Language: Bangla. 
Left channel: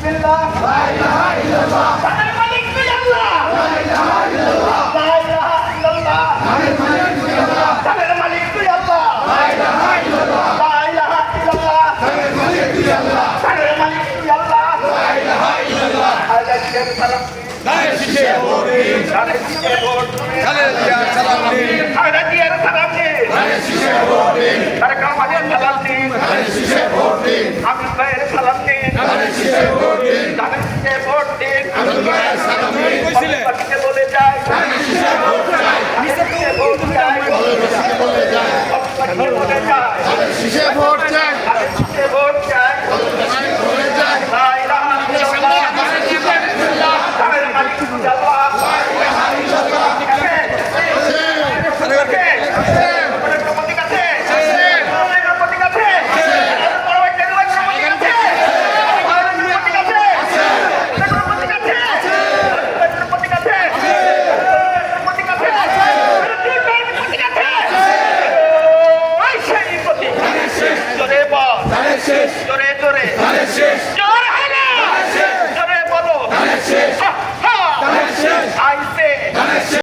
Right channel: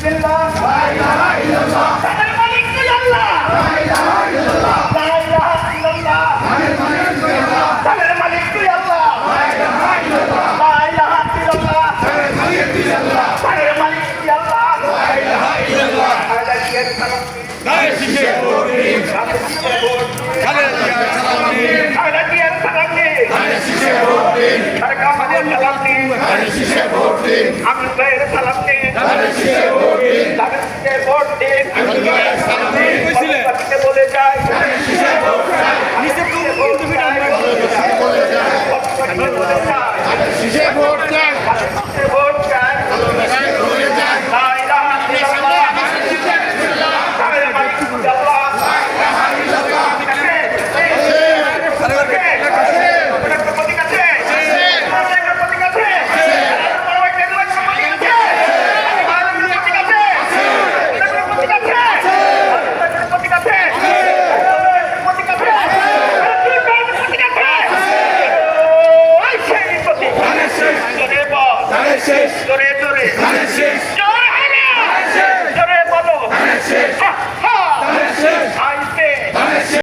বিসমিল্লাহ লা ইলাহা ইল্লাল্লাহ তাদের মালিক তুই আল্লাহ লা ইলাহা ইল্লাল্লাহ লা ইলাহা ইল্লাল্লাহ তাদের মালিক তুই আল্লাহ লা ইলাহা ইল্লাল্লাহ লা ইলাহা ইল্লাল্লাহ তাদের মালিক তুই আল্লাহ তাদের মালিক তুই আল্লাহ লা ইলাহা ইল্লাল্লাহ আল্লাহ জিয়ার সালাম গায়ে শিশে ভোট দিন গায়ে শিশে ভোট খালেদা সালাম দিন আল্লাহ জিয়ার সালাম দিন গায়ে শিশে ভোট দিন তারেক রহমানের সালাম দিন গায়ে শিশে ভোট দিন আমির ভাইয়ের সালাম দিন গায়ে শিশে ভোট দিন গায়ে শিশে ভোট দিন আব্দুল ভাইয়ের সালাম দিন পার্টিতে বলে যায় গায়ে শিশে ভোট চাই শিশে ভোট চাই বলে যায় পার্টিতে বলে যায় গায়ে শিশে ভোট চাই শিশে ভোট চাই বলে যায় লা ইলাহা ইল্লাল্লাহ তাদের মালিক তুই আল্লাহ লা ইলাহা ইল্লাল্লাহ শেষ জোরে